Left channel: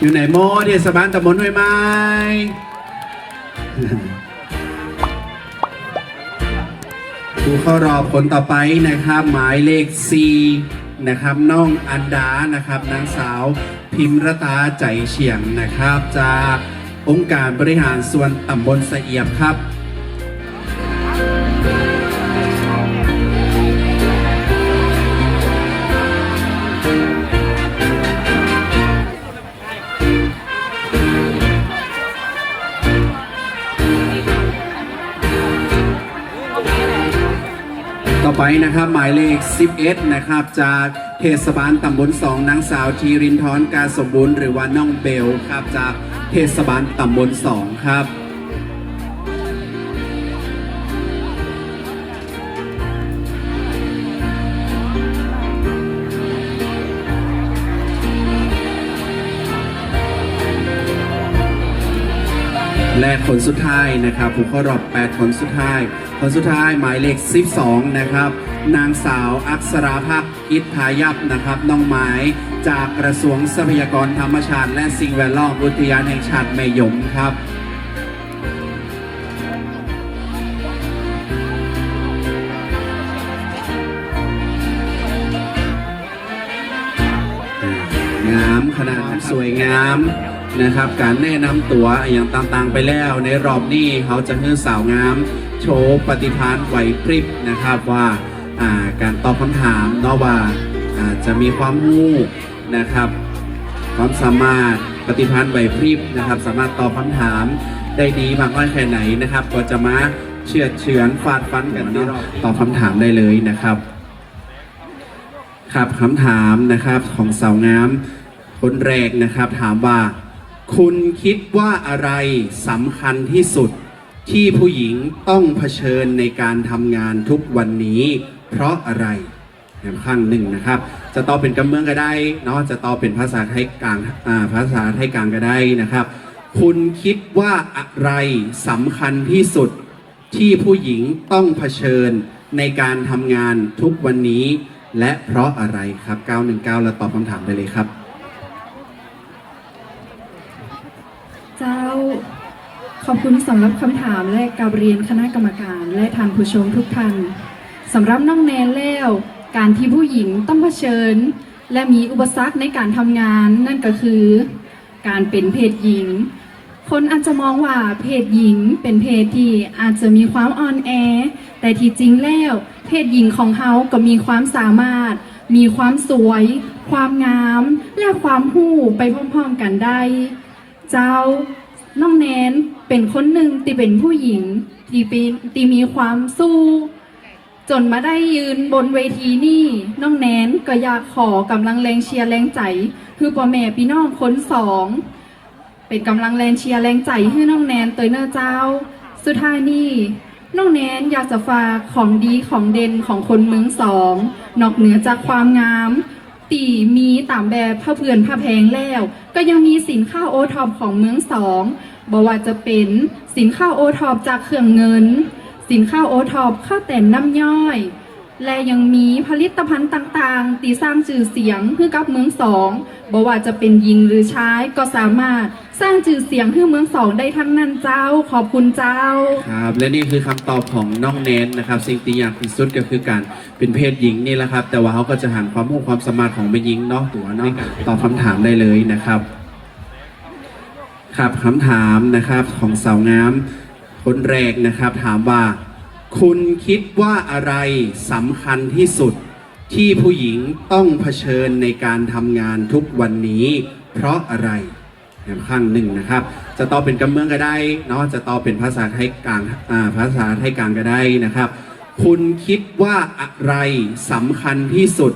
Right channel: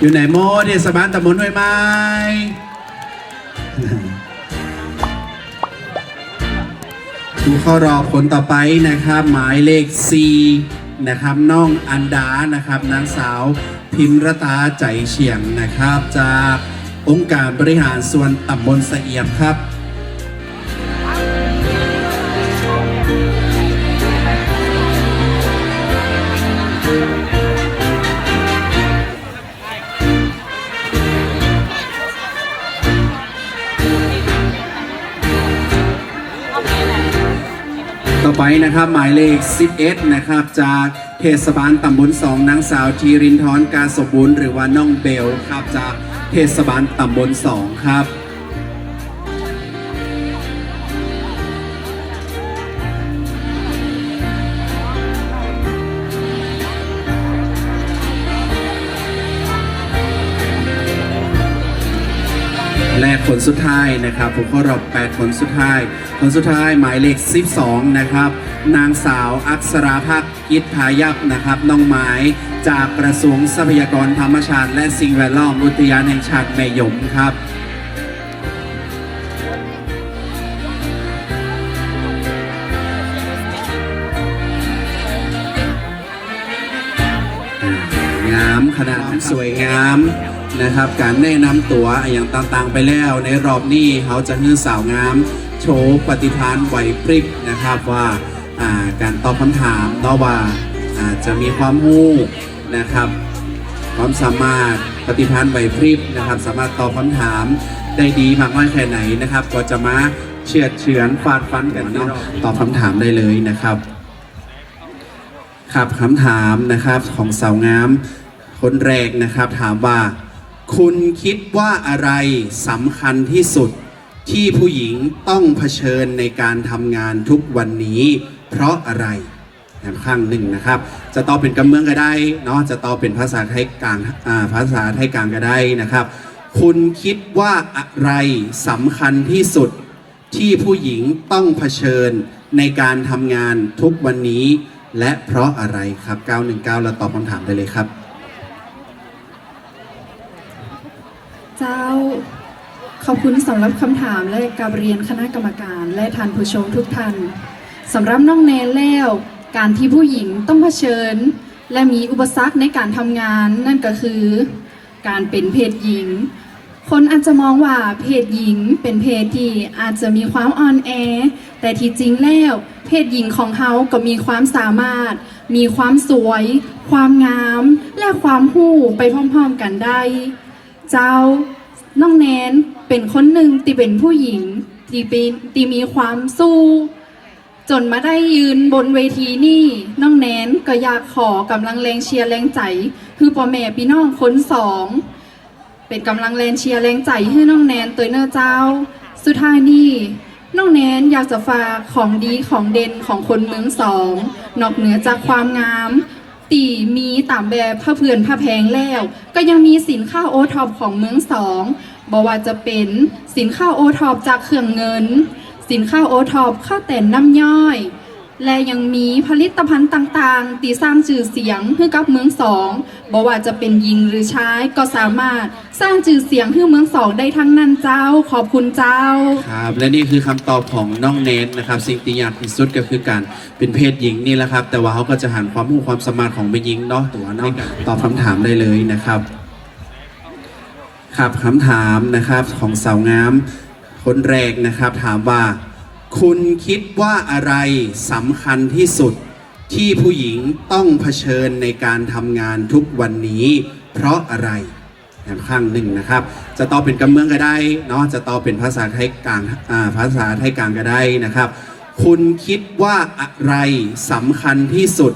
อยู่ไหนโมเทศบาลตำบลห้วยไม้ดูเข้ารอบผลต่อไปนะครับ หมายเลข C นะครับน้องอันดานะครับนางสาวพิมรตาใจเฉียงนะครับ จากองค์การบริหารส่วนตำบลสะเอียบครับ ต่นะครับหมายเลข 11 นะครับ จากเทศบาลตำบลสองนางสาวทีรินทร์การสมบูรณ์หรือว่าน้องเบลครับจากเทศบาลตำบลสองครับและคนสุดท้ายนะครับ ผมเข้ารอบ 8 คนสุดท้าย คนสุดท้ายหมายเลข 12 นะครับ นางสาวอักษราภาคอิทธายับนะครับ น้องไม้จากกระทรวงทรัพยากรธรรมชาติ และสิ่งแวดล้อมอุทยานแห่งชาติแม่ยมครับงามขนาดสวยงามนะครับ การแนะนำตัวอย่างต่างๆไปแล้วในรอบนี้เขาจะมีสาวงาม โชว์ปฏิภาณไหวพริบนะครับว่า การตอบคำถามนาะว่าจะมีความรู้นะครับความสามารถปฏิภาณไหวพริบนะครับ สามารถตอบคำถามได้ดีมากน้อยแค่ไหนนะครับ ก็จะมาเชือดเฉือนฟาดฟันกันเนาะตอบคำถามได้เลยนะครับครับคำถามนะครับของสาวงามคนแรกนะครับถามว่า คุณคิดว่าอะไรสำคัญที่สุดที่ผู้หญิงต้องเผชิญในการทำงานทุกวันนี้ เพราะอะไรแบบข้างหนึ่งนะครับ จะตอบเป็นกำเมืองก็ได้เนาะจะตอบเป็นภาษาไทยกลางภาษาไทยกลางก็ได้นะครับ คุณคิดว่าอะไรสำคัญที่สุดที่ผู้หญิงต้องเผชิญในการทำงานทุกวันนี้ และเพราะอะไรครับ 919 เราตอบคำถามไปเลยครับ เจ้าขอบคุณสำหรับคำถามและการเรียนคณะกรรมการ และท่านผู้ชมทุกท่าน สำหรับน้องแนนแล้ว การที่ผู้หญิงต้องเผชิญ และมีอุปสรรคในการทำงานนั่นก็คือ การเป็นเพศหญิง คนอาจจะมองว่าเพศหญิงเป็นเพศที่อาจจะมีความอ่อนแอ แต่ที่จริงแล้ว เพศหญิงของเขาก็มีความสามารถ มีความสวย ความงาม และความหู้ไปพร้อมๆกันได้ เจ้าน้องแนนเป็นคนหนึ่งที่เป็นผู้หญิงที่เป็นที่มีความสู้ จนมาได้ยืนบนเวทีนี่น้องแนนก็อยากขอกำลังแรงเชียร์แรงใจ คือพ่อแม่พี่น้องคนสอง เป็นกำลังแรงเชียร์แรงใจให้น้องแนนตัวเนื้อเจ้า สุดท้ายนี่น้องแนนอยากจะฝากของดีของเด่นของคนเมืองสอง นอกเหนือจากความงาม ตีมีตามแบบผ้าเพื่อนผ้าแพงแล้ว ก็ยังมีสินค้าโอท็อปของเมืองสองบอกว่าจะเป็นสินค้าโอท็อปจากเครื่องเงิน สินค้าโอท็อปข้าวแต่นน้ำย่อย และยังมีผลิตภัณฑ์ต่างๆ ตีสร้างชื่อเสียงให้กับเมืองสองบอกว่าจะเป็นหญิงหรือชายก็สามารถสร้างชื่อเสียงให้เมืองสองได้ทั้งนั้นเจ้าขอบคุณเจ้า ครับและนี่คือคำตอบของน้องเนนนะครับสิ่งที่ยากที่สุดก็คือการเป็นเพศหญิงนี่แหละครับ แต่ว่าเขาก็จะหันความรู้ความสามารถของเป็นหญิงเนาะตัวเนาะตอบคำถามได้เลยนะครับ ครับคำถามนะครับของสาวงาม คนแรกนะครับถามว่า คุณคิดว่าอะไรสำคัญที่สุดที่ผู้หญิงต้องเผชิญในการทำงานทุกวันนี้ เพราะอะไรข้างหนึ่งนะครับ จะตอบเป็นกำเมืองก็ได้เนาะจะตอบเป็นภาษาไทยกลางภาษาไทยกลางก็ได้นะครับ คุณคิดว่าอะไรสำคัญที่สุด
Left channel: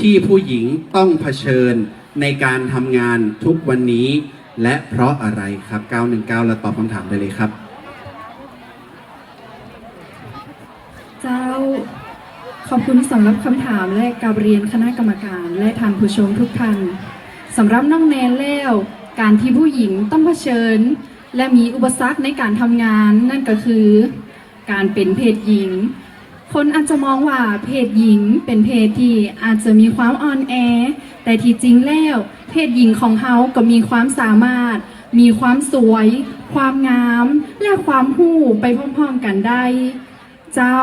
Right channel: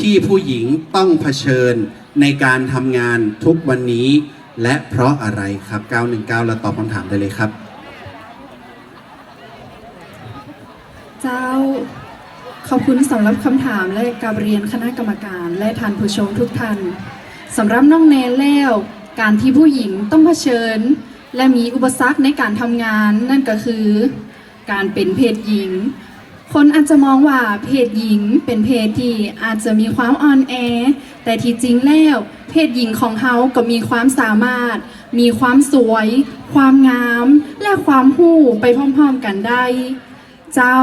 ที่ผู้หญิงต้องเผชิญในการทำงานทุกวันนี้ และเพราะอะไรครับ 919 เราตอบคำถามได้เลยครับ จ้า ขอบคุณสำหรับคำถามและการเรียนคณะกรรมการและท่านผู้ชมทุกท่านสำหรับน้องแนนแล้ว การที่ผู้หญิงต้องเผชิญ และมีอุปสรรคในการทำงานนั่นก็คือ การเป็นเพศหญิง คนอาจจะมองว่าเพศหญิงเป็นเพศที่อาจจะมีความอ่อนแอ แต่ที่จริงแล้ว เพศหญิงของเขาก็มีความสามารถ มีความสวย ความงาม และความหู้ไปพร้อมๆกันได้ เจ้า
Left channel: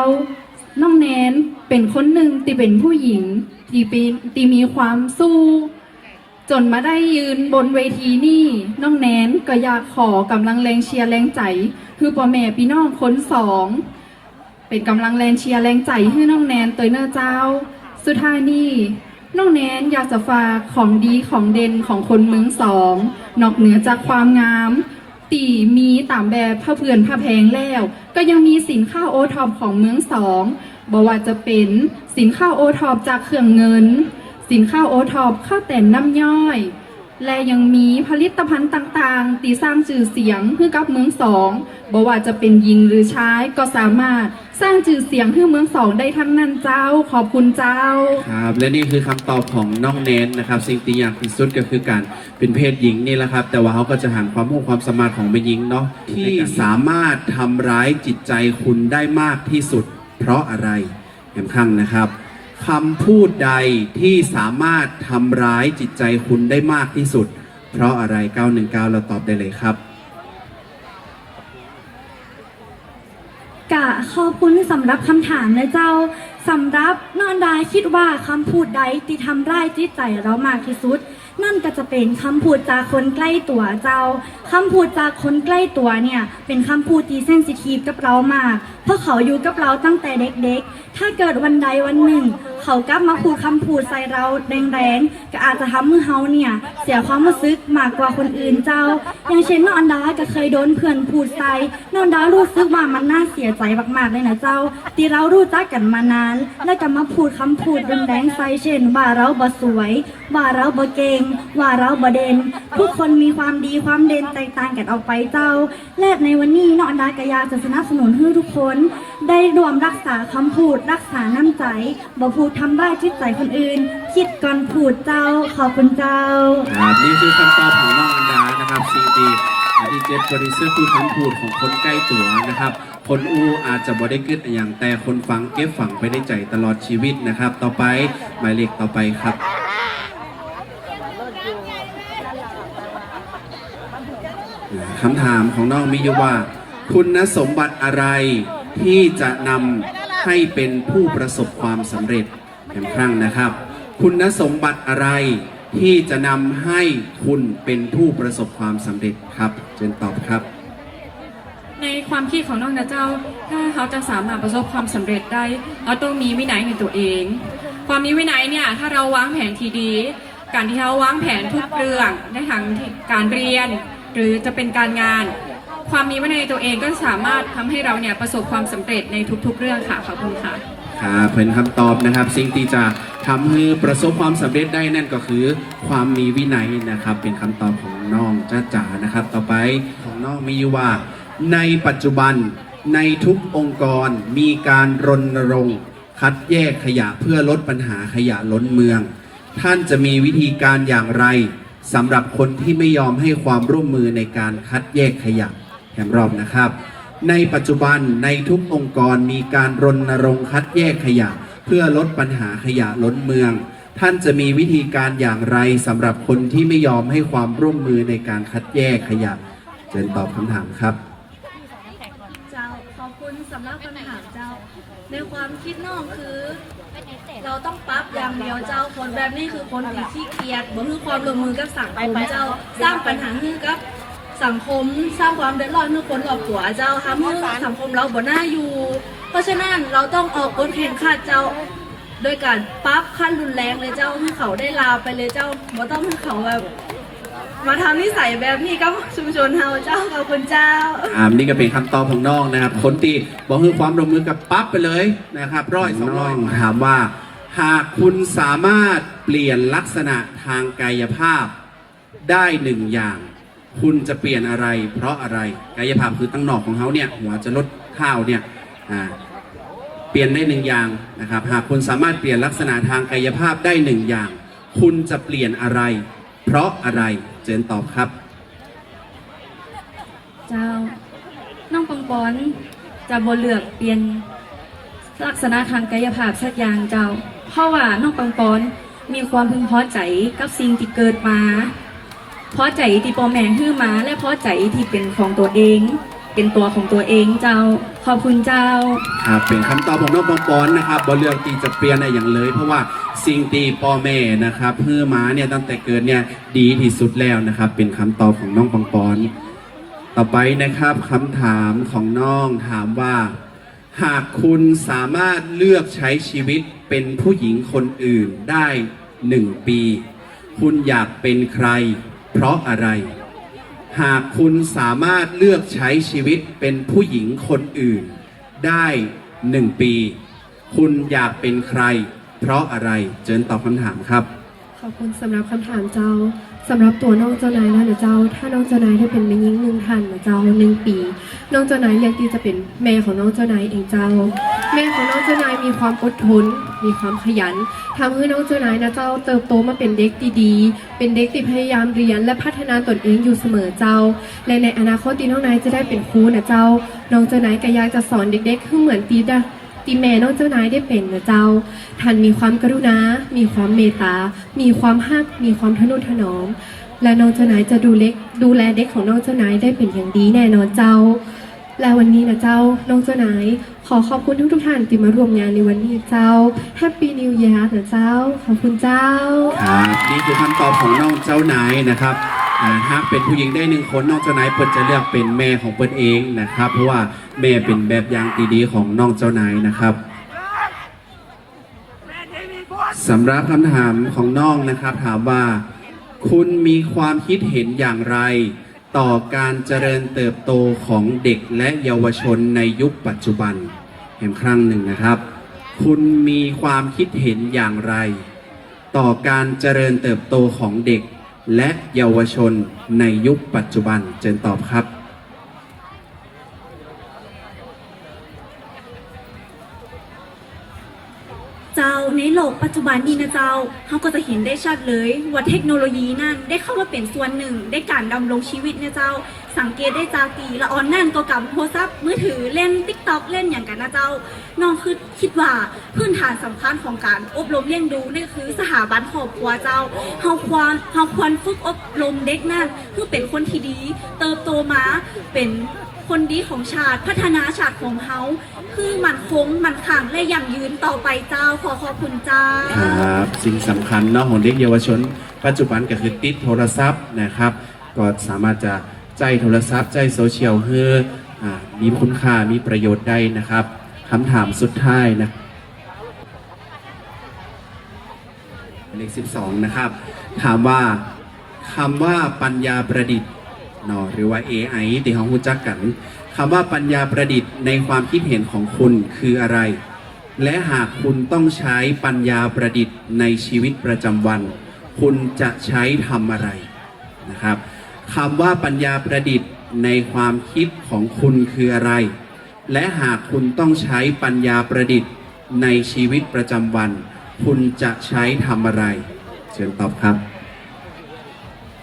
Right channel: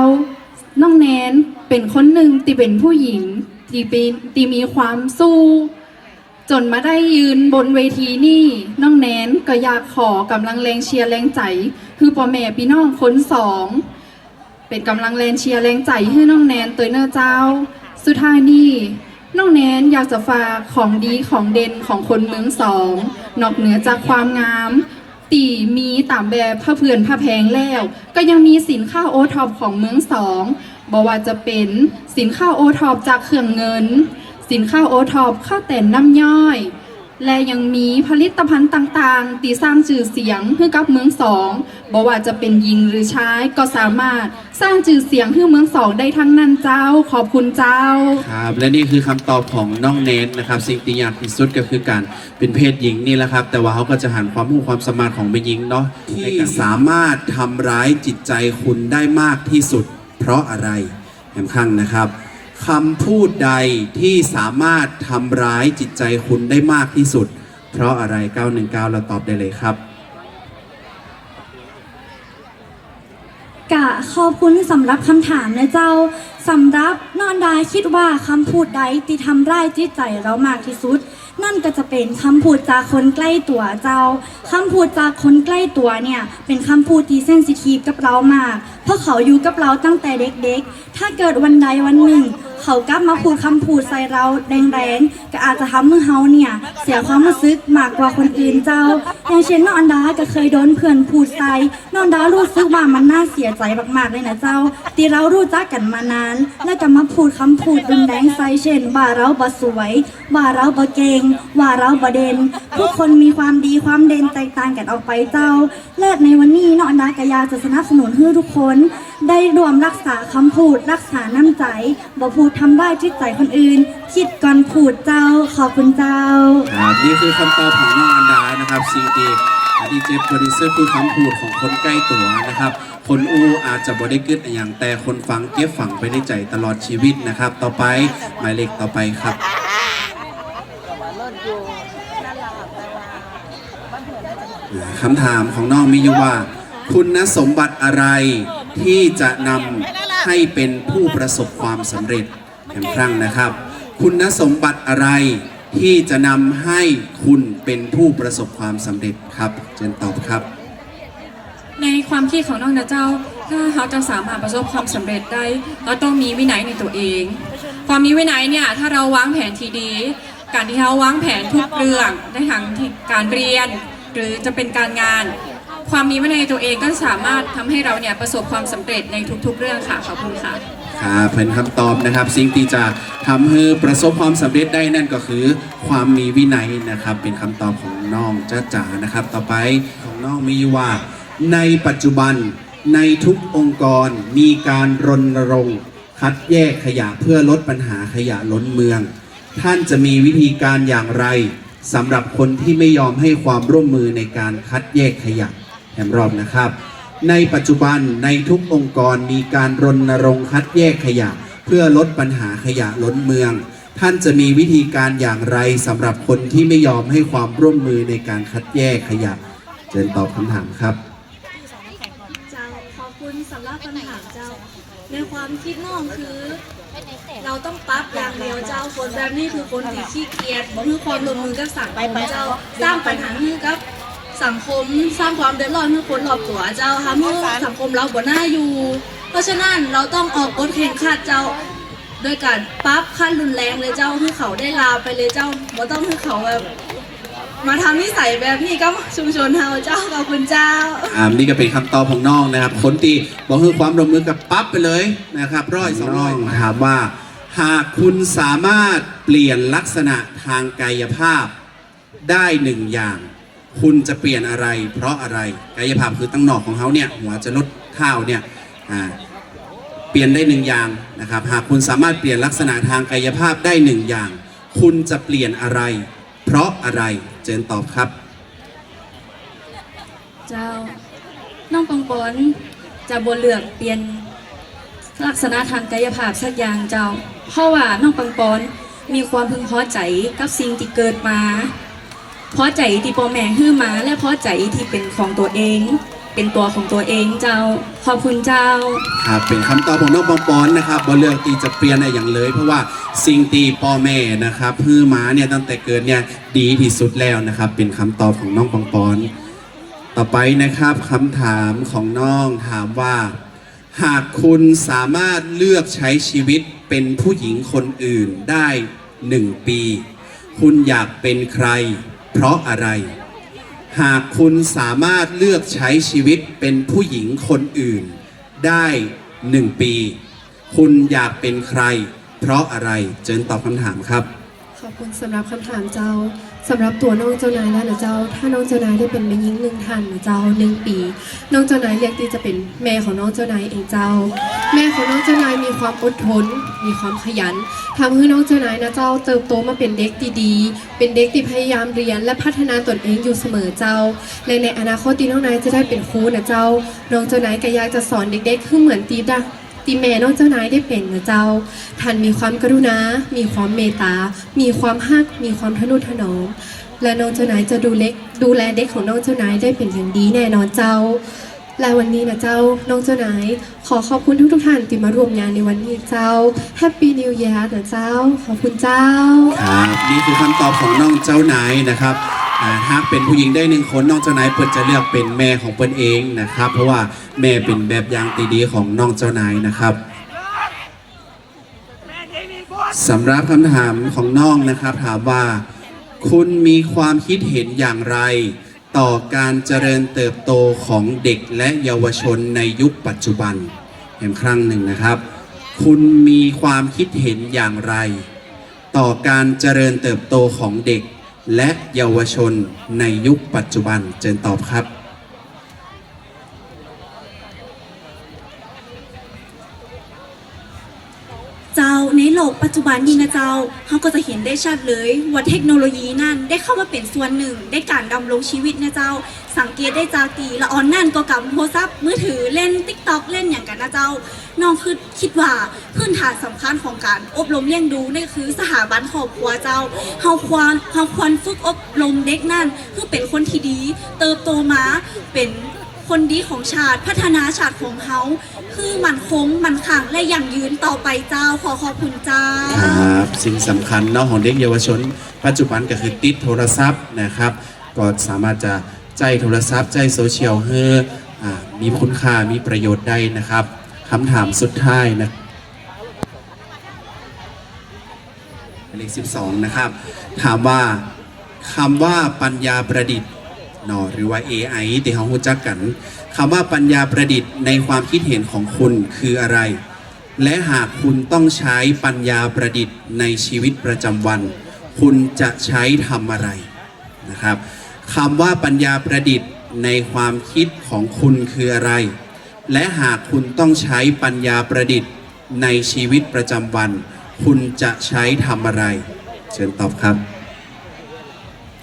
น้องแนนเป็นคนหนึ่งที่เป็นผู้หญิงที่เป็นที่มีความสู้ จนมาได้ยืนบนเวทีนี่น้องแนนก็อยากขอกำลังแรงเชียร์แรงใจ คือพ่อแม่พี่น้องคนสองเป็นกำลังแรงเชียร์แรงใจให้น้องแนนเตยเนอร์เจ้า สุดท้ายนี่น้องแนนอยากจะฝากของดีของเด่นของคนเมืองสอง นอกเหนือจากความงาม ตีมีตามแบบผ้าเพื่อนผ้าแพงแล้ว ก็ยังมีสินค้าโอท็อปของเมืองสองบอกว่าจะเป็นสินค้าโอท็อปจากเครื่องเงิน สินค้าโอท็อปข้าวแต่นน้ำย่อย และยังมีผลิตภัณฑ์ต่างๆ ตีสร้างชื่อเสียงให้กับเมืองสองบอกว่าจะเป็นหญิงหรือชายก็สามารถสร้างชื่อเสียงให้เมืองสองได้ทั้งนั้นเจ้าขอบคุณเจ้า ครับ และนี่คือคำตอบของน้องเนนนะครับ สิ่งที่ยากที่สุดก็คือการเป็นเพศหญิงนี่แหละครับ แต่ว่าเขาก็จะหันความรู้ความสามารถของแม่หญิงเนาะที่สามารถทำร้ายจิตใจคุณได้มากที่สุด เพราะอะไรแหมข้างนะครับ คำพูดใดที่สามารถทำร้ายจิตใจคุณได้มากที่สุด เพราะอะไร 919 เราตอบได้เลยครับ กะขอบคุณสำหรับคำถามนะเจ้าสำหรับนอนดาคิดว่าคำพูดใดที่ทำร้ายจิตใจเรามากที่สุด นั่นก็จะเป็นคำพูดจากคนใกล้ตัวเจ้าคำพูดจากคนใกล้ตัวเนี่ยเป็นคำพูดที่เซนซิทีฟกับเรามาก เพราะเขาอยู่กับเราตั้งแต่เด็กๆ ถ้าเกิดวันใดวันหนึ่ง เขากลับมาพูดคำพูดใส่เราแรงๆ ก็อาจจะทำให้เฮาเนี่ย เสียความรู้สึกมากกว่าคนอื่นเจ้า อย่างเช่นน้องอันดาก็เคยโดนเพื่อนพูดใส่น้องอันดารู้สึกว่ามันน่าเสียใจมากๆเลยนะเจ้าที่เรารู้จักกันมานาน และก็มาพูดคำพูดรุนแรงใส่เช่น ว่าเราบ่สวย ว่าเราบ่เก่ง ว่าเราบ่เด่นทุกคนมีความดีความเด่นแตกต่างกันออกไปเจ้า และในวันนี้น้องอันดากอยากจะสนับสนุนให้ทุกคนได้รวมรักษาคำพูด รักษาน้ำใจบ่พูดทำได้ายจิตใจคนอื่น คิดก่อนพูดเจ้าขอบคุณเจ้า ครับนี่คือคำตอบของน้องอันดานะครับสิ่งที่ดีเจบริสุทธิ์คือคำพูดของคนใกล้ตัวนะครับ คนอูอาจจะบ่ได้เกิดอหย่างแต่คนฟังเก็บฝังไปในใจตลอดชีวิตนะครับ ต่อไปหมายเลขต่อไปครับ คำถามของน้องมีอยู่ว่า คุณสมบัติอะไร ที่จะนำให้เป็นผู้ประสบความสำเร็จอีกครั้งนะครับ คุณสมบัติอะไรที่จะนำให้คุณเป็นผู้ประสบความสำเร็จครับเชิญตอบครับ ในความคิดของน้องนะเจ้า ถ้าเขาจะสามารถประสบความสำเร็จได้เราต้องมีวินัยในตัวเอง ความมีวินัยเนี่ยถ้าเราวางแผนทีดี การที่เราวางแผนทุกเรื่องในทางที่การเรียน หรือจะเป็นการงาน ความมีวินัยตัวเองก็สามารถทำให้เราเนี่ยประสบความสำเร็จในทุก ๆ เรื่องค่ะขอบคุณค่ะครับเป็นคำตอบนะครับ สิ่งที่จะทำให้ประสบความสำเร็จได้นั่นก็คือ ความมีวินัยนะครับ เป็นคำตอบของน้องจ้าจ๋านะครับ ต่อไปของน้องมีว่า ในปัจจุบันในทุกองค์กรมีการรณรงค์คัดแยกขยะเพื่อลดปัญหาขยะล้นเมือง ท่านจะมีวิธีการอย่างไรสำหรับคนที่ไม่ยอมให้ความร่วมมือในการคัดแยกขยะ แถมรอบนะครับ ในปัจจุบันในทุกองค์กรมีการรณรงค์คัดแยกขยะ เพื่อลดปัญหาขยะล้นเมือง ท่านจะมีวิธีการอย่างไรสำหรับคนที่ไม่ยอมให้ความร่วมมือในการคัดแยกขยะเชิญตอบคำถามครับ เจ้าขอบคุณสำหรับคำถามเจ้า ในความคิดน้องคือ เราต้องปรับอย่างเดียวเจ้าคนแบบนี้คือคนที่ขี้เกียจบ่มีความร่วมมือกับสังคมเจ้า สร้างปัญหาให้กับ สังคมสร้างความเดือดร้อนให้คนรอบตัวเจ้าทำให้สังคมเราบ่น่าอยู่ เพราะฉะนั้นเราต้องออกกฎเข็นขัดเจ้าโดยการปรั๊บขั้นรุนแรงเลยเจ้าให้เขาได้ลาวไปเลยเจ้าบ่ต้องให้เขาแบบมาทำนิสัยแบบนี้กับชุมชนเฮาเจ้าขอบคุณเจ้าอ่านี่ก็เป็นคำตอบของน้องนะครับ คนตีบอกคือความร่วมมือกับปั๊บไปเลยนะครับร้อยสองร้อยถามว่า หากคุณสามารถเปลี่ยนลักษณะทางกายภาพได้หนึ่งอย่าง คุณจะเปลี่ยนอะไร เพราะอะไรกายภาพคือตั้งหนอกของเขาเนี่ยหัวจะลดเท้าเนี่ยอ่าเปลี่ยนได้หนึ่งอย่างนะครับหากคุณสามารถเปลี่ยนลักษณะทางกายภาพได้หนึ่งอย่าง คุณจะเปลี่ยนอะไร เพราะอะไรเจนตอบครับเจ้าน้องปังปอนจะบ่เลือกเปลี่ยนลักษณะทางกายภาพสักอย่างเจ้า เพราะว่าน้องปังปอนมีความพึงพอใจกับสิ่งที่เกิดมา เพอใจที่ปอแมงฮื้อมา และเพอใจที่เป็นของตัวเอง เป็นตัวของตัวเองเจ้าขอบคุณเจ้า ครับเป็นคำตอบของน้องปองปอนนะครับบ่เลือกตีจะเปลี่ยนอะไรอย่างเลย เพราะว่าสิ่งตีพ่อแม่นะครับเพื่อมาเนี่ยตั้งแต่เกิดเนี่ยดีที่สุดแล้วนะครับ เป็นคำตอบของน้องปองปอนต่อไปนะครับคำถามของน้องถามว่า หากคุณสามารถเลือกใช้ชีวิตเป็นผู้หญิงคนอื่นได้หนึ่งปี คุณอยากเป็นใคร เพราะอะไร หากคุณสามารถเลือกใช้ชีวิตเป็นผู้หญิงคนอื่น ได้หนึ่งปี คุณอยากเป็นใคร เพราะอะไรเจิญตอบคำถามครับ ขอบคุณสำหรับคำถามเจ้า สำหรับตัวน้องเจ้านายแล้วนะเจ้า ถ้าน้องเจ้านายได้เป็นแม่หญิงหนึ่งท่านนะเจ้าหนึ่งปี น้องเจ้านายเรียกที่จะเป็นแม่ของน้องเจ้านายเองเจ้า แม่ของน้องเจ้านายมีความอดทน มีความขยันทำให้น้องเจ้านายนะเจ้าเติบโตมาเป็นเด็กที่ดีเป็นเด็กที่พยายามเรียนและพัฒนาตนเองอยู่เสมอเจ้าและในอนาคตที่น้องนายจะได้เป็นครูนะเจ้า น้องเจ้านายก็อยากจะสอนเด็กๆให้เหมือนตีดา ตีแม่น้องเจ้านายได้เป็นนะเจ้า ท่านมีความกรุณา มีความเมตตา มีความฮัก มีความทนุถนอม และน้องเจ้านายจะดูเล็กดูแลเด็กของน้องเจ้านายได้เป็นอย่างดีแน่นอนเจ้า และวันนี้นะเจ้า น้องเจ้านายขอขอบคุณทุกทุกท่านที่มาร่วมงานในวันนี้เจ้า Happy New Year นะเจ้า ขอบคุณเจ้า ครับนี่คือคำตอบของน้องเจ้านายนะครับ อ่าหากเป็นผู้หญิงได้หนึ่งคนน้องเจ้านายเปิดจะเลือกเป็นแม่ของเปิ้นเองนะครับ เพราะว่าแม่เป็นแบบอย่างที่ดีของน้องเจ้านายนะครับสำหรับคำถามของน้องนะครับ ถามว่า คุณมีความคิดเห็นอย่างไร ต่อการเจริญเติบโตของเด็กและเยาวชนในยุคปัจจุบันเห็นครั้งหนึ่งนะครับ คุณมีความคิดเห็นอย่างไร ต่อการเจริญเติบโตของเด็ก และเยาวชนในยุคปัจจุบันเจนตอบครับ เจ้าในโลกปัจจุบันนี้นะเจ้าเขาก็จะเห็นได้ชัดเลยว่าเทคโนโลยีนั่นได้เข้ามาเป็นส่วนหนึ่งในการดำรงชีวิตนะเจ้า สังเกตได้จากตีละออนนั่นก็กับโทรศัพท์มือถือเล่นติ๊กต็อก นะเจ้าน้องคือคิดว่าพื้นฐานสำคัญของการอบรมเลี้ยงดูนี่คือสถาบันครอบครัวเจ้าเฮาควรเฮาควรฝึกอบรมเด็กนั่นเพื่อเป็นคนที่ดี เติบโตมาเป็นคนดีของชาติพัฒนาชาติของเฮาคือมันคงมันขังและยั่งยืนต่อไปเจ้าขอขอบคุณเจ้าครับสิ่งสำคัญเนาะของเด็กเยาวชน ปัจจุบันก็คือติดโทรศัพท์นะครับ ก็สามารถจะใจโทรศัพท์ใจโซเชียลเพื่อ มีคุณค่ามีประโยชน์ได้นะครับคำถามสุดท้ายนะเลข12 นะครับ ถามว่าคำว่าปัญญาประดิษฐ์นาะหรือว่า AI ที่เขารู้จักกันคำว่าปัญญาประดิษฐ์ในความคิดเห็นของคุณคืออะไร และหากคุณต้องใช้ปัญญาประดิษฐ์ในชีวิตประจำวัน คุณจะใช้ทำอะไรนะครับคำว่าปัญญาประดิษฐ์ ในความคิดของคุณคืออะไร และหากคุณต้องใช้ปัญญาประดิษฐ์ในชีวิตประจำวัน คุณจะใช้ทำอะไร เชิญตอบครับ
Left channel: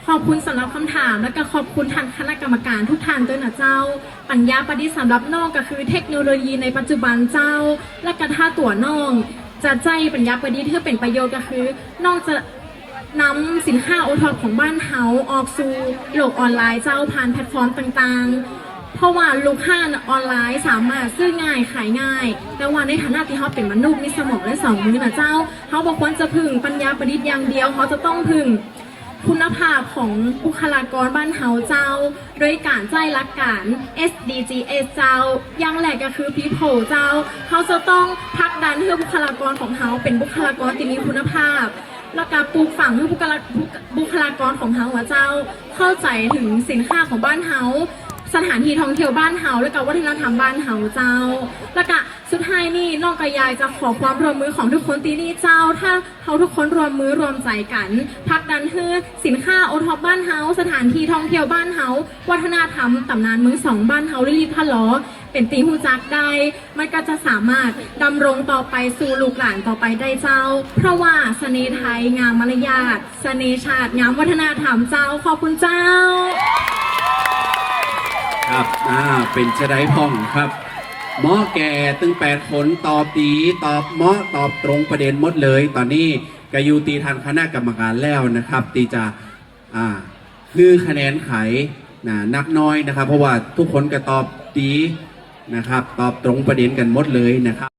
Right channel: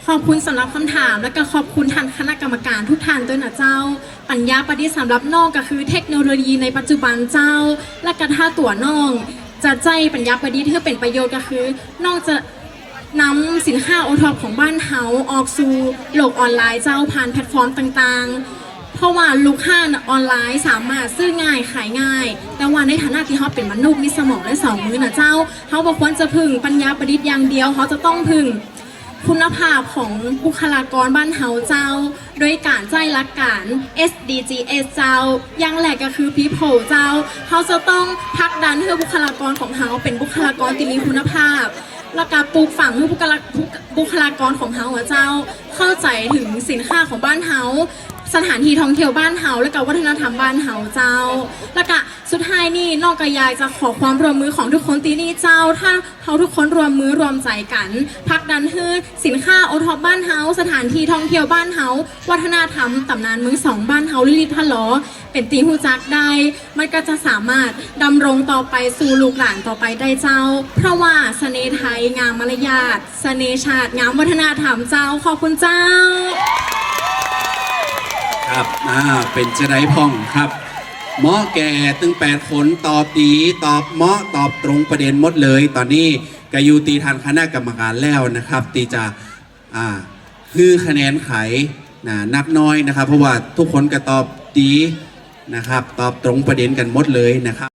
ขอบคุณสำหรับคำถาม และก็ขอบคุณท่านคณะกรรมการทุกท่านด้วยนะเจ้า ปัญญาประดิษฐ์สำหรับนองก็คือเทคโนโลยีในปัจจุบันเจ้า และก็ถ้าตัวน้องจะใจปัญญาประดิษฐ์เพื่อเป็นประโยชน์ก็คือนองจะ นำสินค้าโอท็อปของบ้านเฮาออกสู่โลกออนไลน์เจ้าผ่านแพลตฟอร์มต่างๆ เพราะว่าลูกค้าออนไลน์สามารถซื้อง่ายขายง่าย แต่ว่าในฐานะที่เขาเป็นมนุษย์มีสมองและสองมือนะเจ้าเขาบอกควรจะพึ่งปัญญาประดิษฐ์อย่างเดียวเขาจะต้องพึ่งคุณภาพของบุคลากรบ้านเฮาเจ้า โดยการใจรักการ SDGs เจ้าอย่างแรกก็คือ people เจ้าเขาจะต้องผลักดันให้บุคลากรของเฮาเป็นบุคลากรที่มีคุณภาพ และการปลูกฝังให้บุคลาบุคลากรของเฮาเจ้า เข้าใจถึงสินค้าของบ้านเฮาสถานที่ท่องเที่ยวบ้านเฮาและก็วัฒนธรรมบ้านเฮาเจ้า แล้วก็ สุดท้ายนี่นอกกยายจะขอความร่วมมือของทุกคนตีนี่เจ้า ถ้าเขาทุกคนรวมมือรวมใจกันผลักดันให้สินค้าโอท็อปบ้านเฮาสถานที่ท่องเที่ยวบ้านเฮาวัฒนธรรมตำนานมือสองบ้านเฮาลิลิตพะลอเป็นตีหูจักได้ มันก็จะสามารถดำรงต่อไปสู่ลูกหลานต่อไปได้เจ้า เพราะว่าเสน่ห์ไทยงามมารยาทเสน่ห์ชาติงามวัฒนธรรมเจ้าขอบคุณเจ้า ครับอ่าเป็นจะไรพ่องครับ หมอแก่ตึงแปดคนตอบดีตอบเหมาะตอบตรงประเด็นหมดเลย ตอนนี้กยูตีทางคณะกรรมการแล้วนะครับ ตีจะอ่าคือคะแนนไขนะนับน้อยนะครับ เพราะว่าทุกคนก็ตอบดีนะครับ ตอบตรงประเด็นกันหมดเลยนะครับ